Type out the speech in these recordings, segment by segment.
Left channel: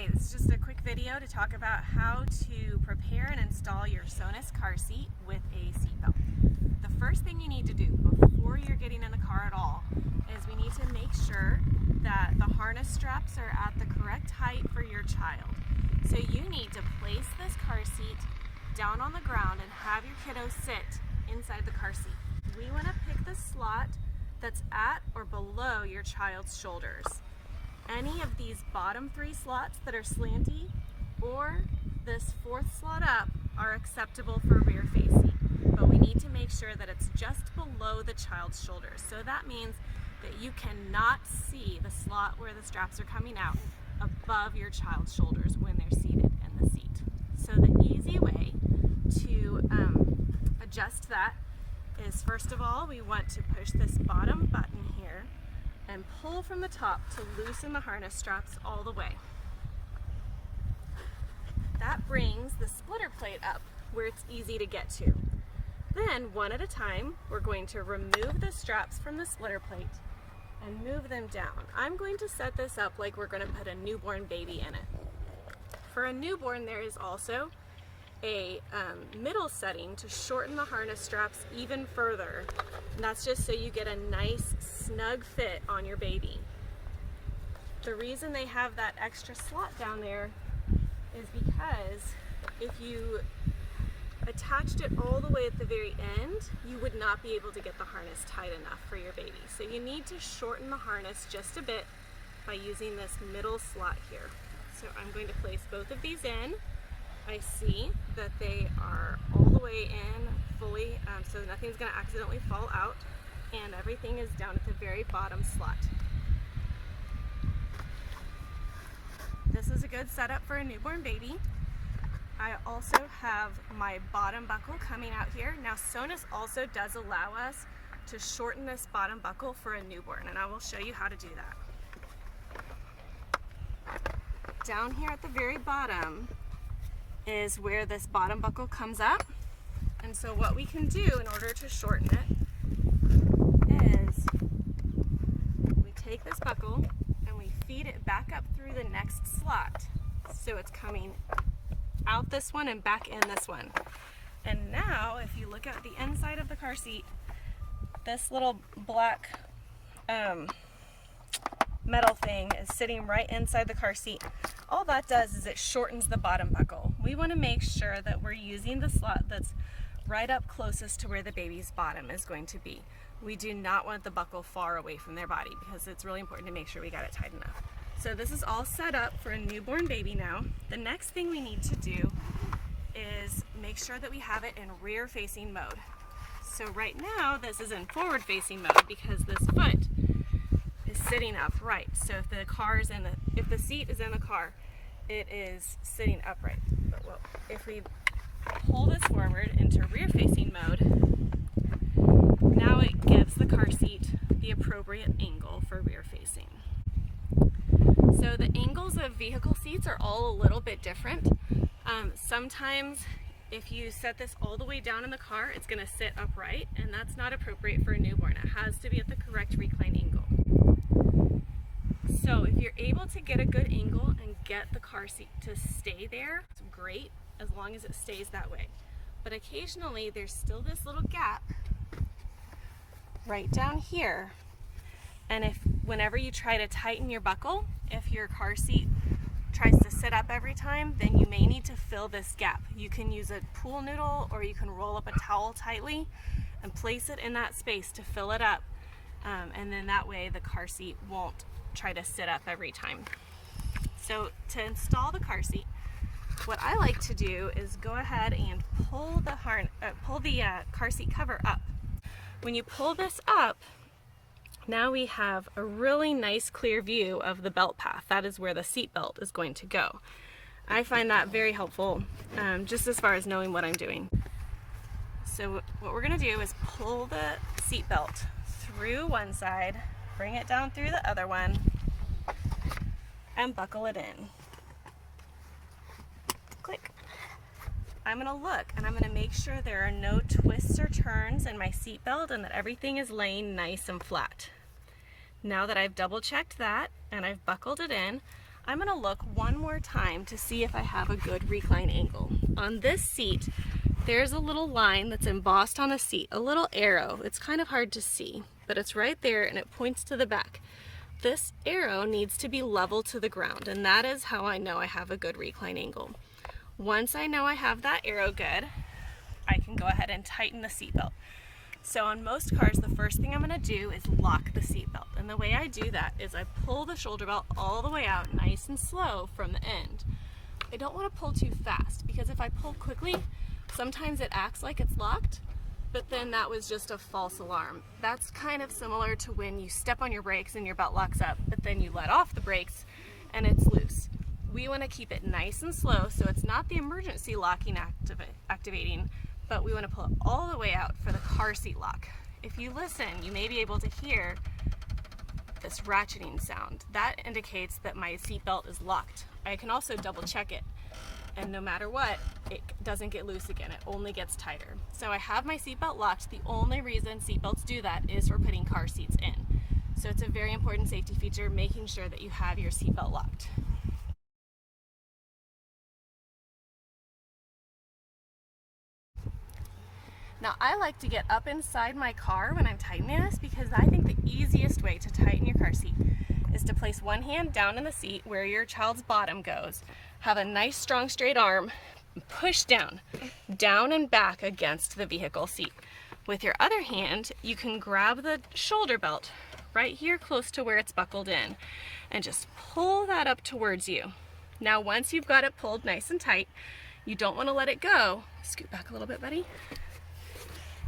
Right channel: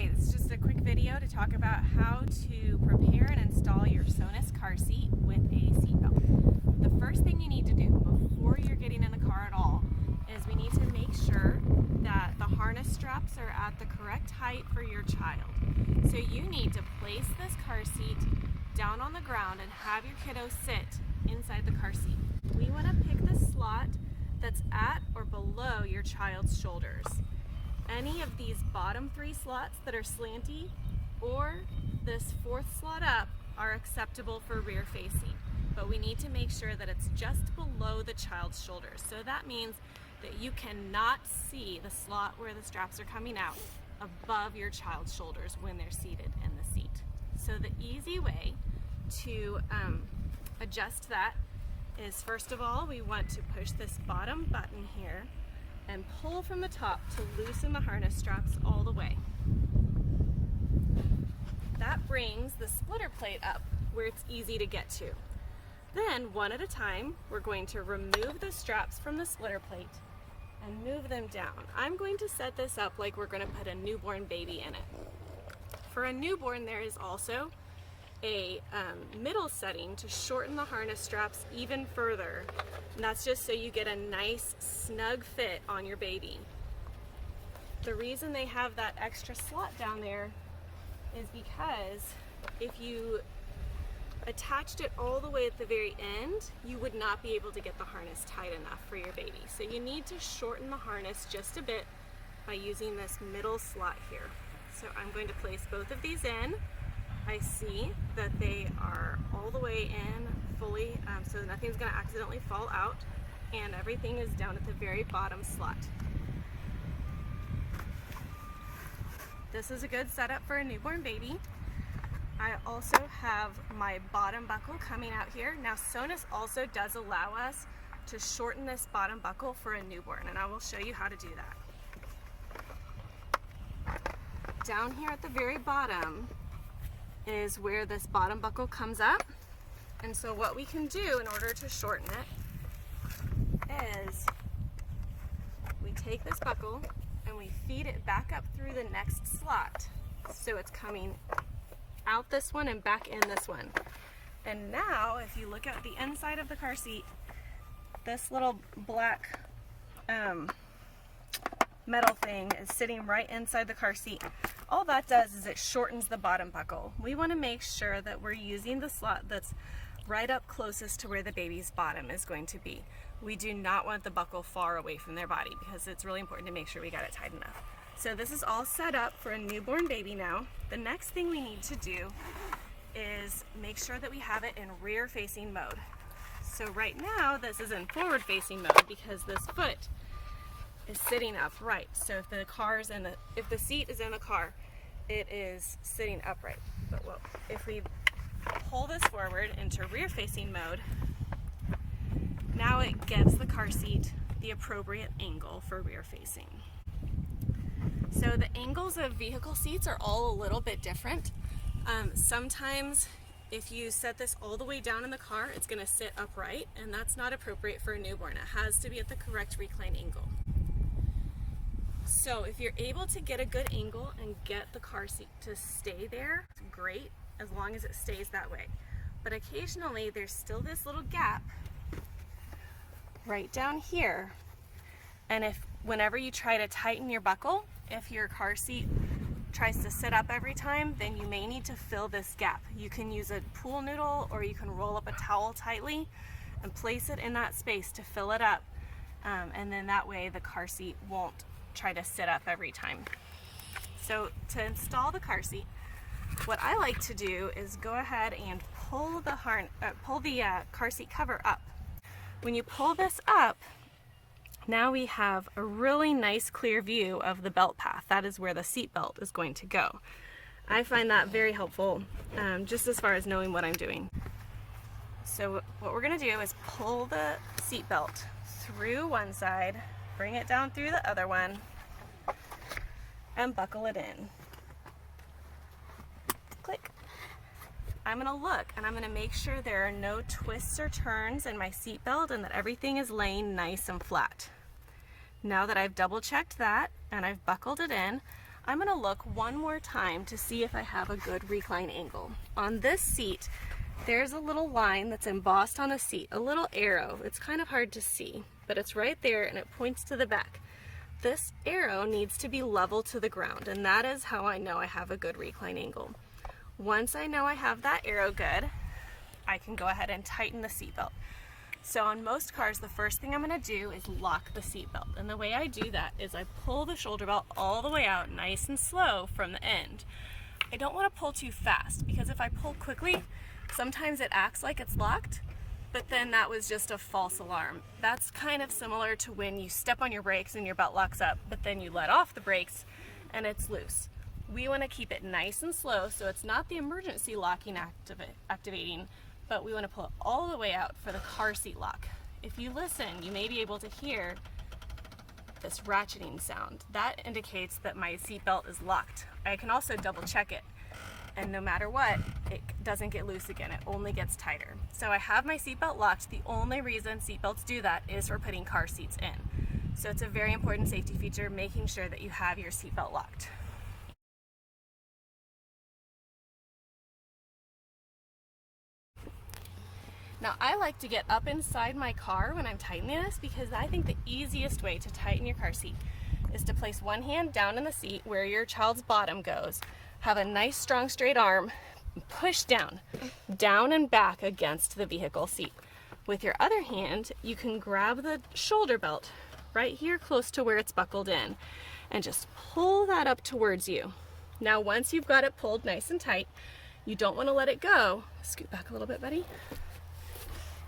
Hey, this is just a quick video to talk about how to prepare and install your Sonus car seat with a seatbelt. The first thing you need to do before you're getting in the car at all is we need to make sure that the harness straps are at the correct height for your child. So you need to place this car seat down on the ground and have your kiddo sit inside the car seat. We want to pick the slot that's at or below your child's shoulders. Any of these bottom three slots that are slanty or this fourth slot up are acceptable for rear facing, but we need to make sure that it's just below the child's shoulders. So that means that you cannot see the slot where the straps are coming out above your child's shoulders when they're seated in the seat. So the easy way to adjust that is, first of all, we want to push this bottom button here and pull from the top to loosen the harness straps all the way. That brings the splitter plate up where it's easy to get to. Then, one at a time, we're going to remove the straps from the splitter plate and move them down. I'm going to set this up like we're going to put a newborn baby in it. For a newborn, there is also a middle setting to shorten the harness straps even further, and that's just so you get a nice snug fit on your baby. The reason they have that extra slot down there is because if you attached it all the way at the very end, you would not be able to get the harness tight enough for your baby. So you need to shorten the harness just a bit by using this middle slot here. So I'm going to place both of these in. I see that they are all the way in fully, so nothing's going to accidentally fall out, and everything is down at the very bottom slot. This is a good setup for a newborn baby. I also have my bottom buckle coming out here. Now Sonus also does allow us to shorten this bottom buckle for a newborn, and I will show you how to do that. Down here at the very bottom is where this bottom buckle comes up, and so what we can do in order to shorten it is we take this buckle and we feed it back up through the next slot, so it's coming out this one and back in this one. And now if you look at the inside of the car seat, this little black metal thing is sitting right inside the car seat. All that does is it shortens the bottom buckle. We want to make sure that we're using the slot that's right up closest to where the baby's bottom is going to be. We do not want the buckle far away from their body because it's really important to make sure we got it tight enough. So this is all set up for a newborn baby now. The next thing we need to do is make sure that we have it in rear facing mode. So right now this is in forward facing mode because this foot is sitting upright. So if the seat is in the car, it is sitting upright. But if we pull this forward into rear facing mode, now it gives the car seat the appropriate angle for rear facing. So the angles of vehicle seats are all a little bit different. Sometimes if you set this all the way down in the car, it's going to sit upright, and that's not appropriate for a newborn. It has to be at the correct recline angle. So if you're able to get a good angle and get the car seat to stay there, it's great, as long as it stays that way. But occasionally there's still this little gap right down here, and whenever you try to tighten your buckle, if your car seat tries to sit up every time, then you may need to fill this gap. You can use a pool noodle, or you can roll up a towel tightly and place it in that space to fill it up, and then that way the car seat won't try to sit up every time. So to install the car seat, what I like to do is go ahead and pull the car seat cover up. When you pull this up, now we have a really nice clear view of the belt path. That is where the seat belt is going to go. I find that very helpful, just as far as knowing what I'm doing. So what we're going to do is pull the seat belt through one side, bring it down through the other one, and buckle it in. Click. I'm going to look and I'm going to make sure there are no twists or turns in my seat belt and that everything is laying nice and flat. Now that I've double checked that and I've buckled it in, I'm gonna look one more time to see if I have a good recline angle. On this seat, there's a little line that's embossed on the seat, a little arrow. It's kind of hard to see, but it's right there and it points to the back. This arrow needs to be level to the ground, and that is how I know I have a good recline angle. Once I know I have that arrow good, I can go ahead and tighten the seatbelt. So on most cars, the first thing I'm gonna do is lock the seatbelt. And the way I do that is I pull the shoulder belt all the way out nice and slow from the end. I don't wanna pull too fast, because if I pull quickly, sometimes it acts like it's locked, but then that was just a false alarm. That's kind of similar to when you step on your brakes and your belt locks up, but then you let off the brakes and it's loose. We wanna keep it nice and slow so it's not the emergency locking activating, but we want to pull it all the way out for the car seat lock. If you listen, you may be able to hear this ratcheting sound. That indicates that my seatbelt is locked. I can also double check it, and no matter what, it doesn't get loose again. It only gets tighter. So I have my seatbelt locked. The only reason seatbelts do that is for putting car seats in. So it's a very important safety feature, making sure that you have your seatbelt locked. Now I like to get up inside my car when I'm tightening this, because I think the easiest way to tighten your car seat is to place one hand down in the seat where your child's bottom goes, have a nice strong straight arm, push down and back against the vehicle seat. With your other hand, you can grab the shoulder belt right here close to where it's buckled in and just pull that up towards you. Now once you've got it pulled nice and tight, you don't want to let it go. Scoot back a little bit, buddy.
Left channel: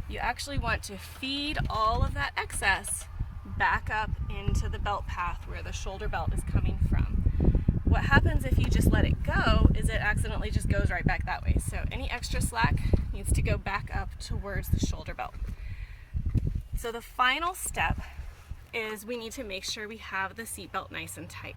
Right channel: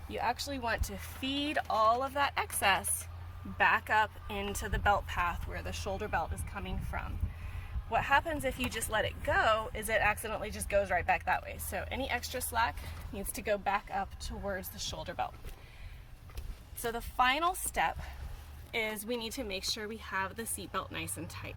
You actually want to feed all of that excess back up into the belt path where the shoulder belt is coming from. What happens if you just let it go is it accidentally just goes right back that way. So any extra slack needs to go back up towards the shoulder belt. So the final step is we need to make sure we have the seatbelt nice and tight.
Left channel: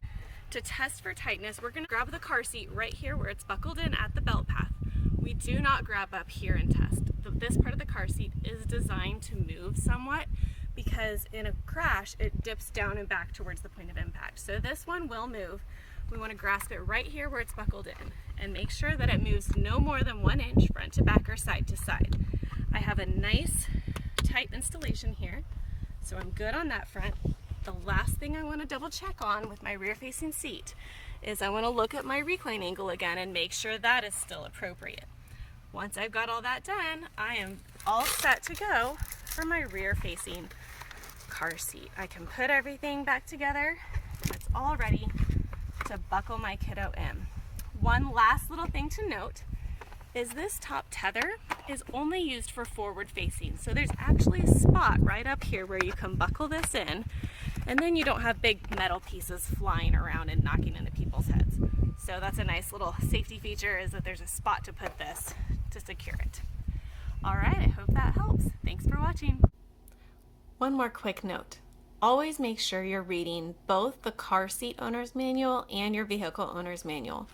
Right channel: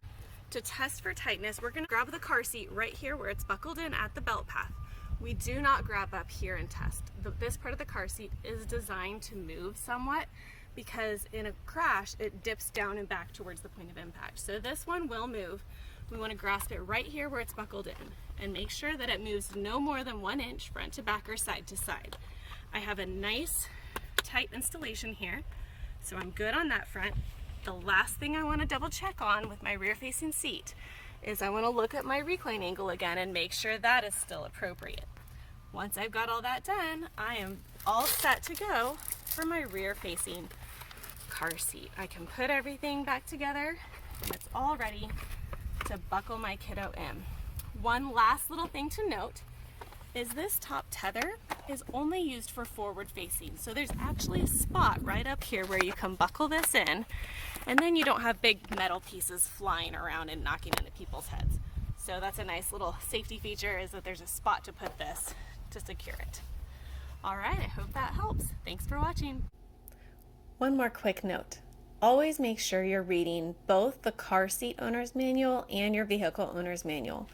To test for tightness, we're gonna grab the car seat right here where it's buckled in at the belt path. We do not grab up here and test. This part of the car seat is designed to move somewhat, because in a crash, it dips down and back towards the point of impact. So this one will move. We want to grasp it right here where it's buckled in and make sure that it moves no more than 1 inch front to back or side to side. I have a nice tight installation here, so I'm good on that front. The last thing I want to double check on with my rear facing seat is I want to look at my recline angle again and make sure that is still appropriate. Once I've got all that done, I am all set to go for my rear facing car seat. I can put everything back together and it's all ready to buckle my kiddo in. One last little thing to note is this top tether is only used for forward facing. So there's actually a spot right up here where you can buckle this in, and then you don't have big metal pieces flying around and knocking into people's heads. So that's a nice little safety feature, is that there's a spot to put this to secure it. All right, I hope that helps. Thanks for watching. One more quick note. Always make sure you're reading both the car seat owner's manual and your vehicle owner's manual.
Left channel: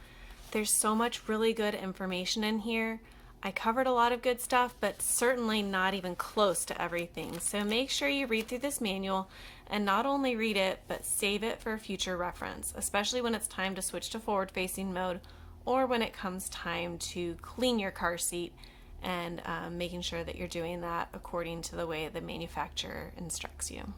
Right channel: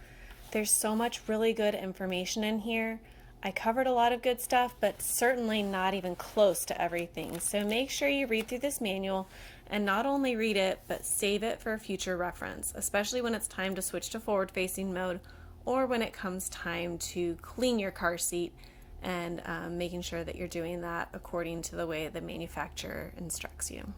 There's so much really good information in here. I covered a lot of good stuff, but certainly not even close to everything. So make sure you read through this manual and not only read it, but save it for future reference, especially when it's time to switch to forward-facing mode or when it comes time to clean your car seat, and making sure that you're doing that according to the way the manufacturer instructs you.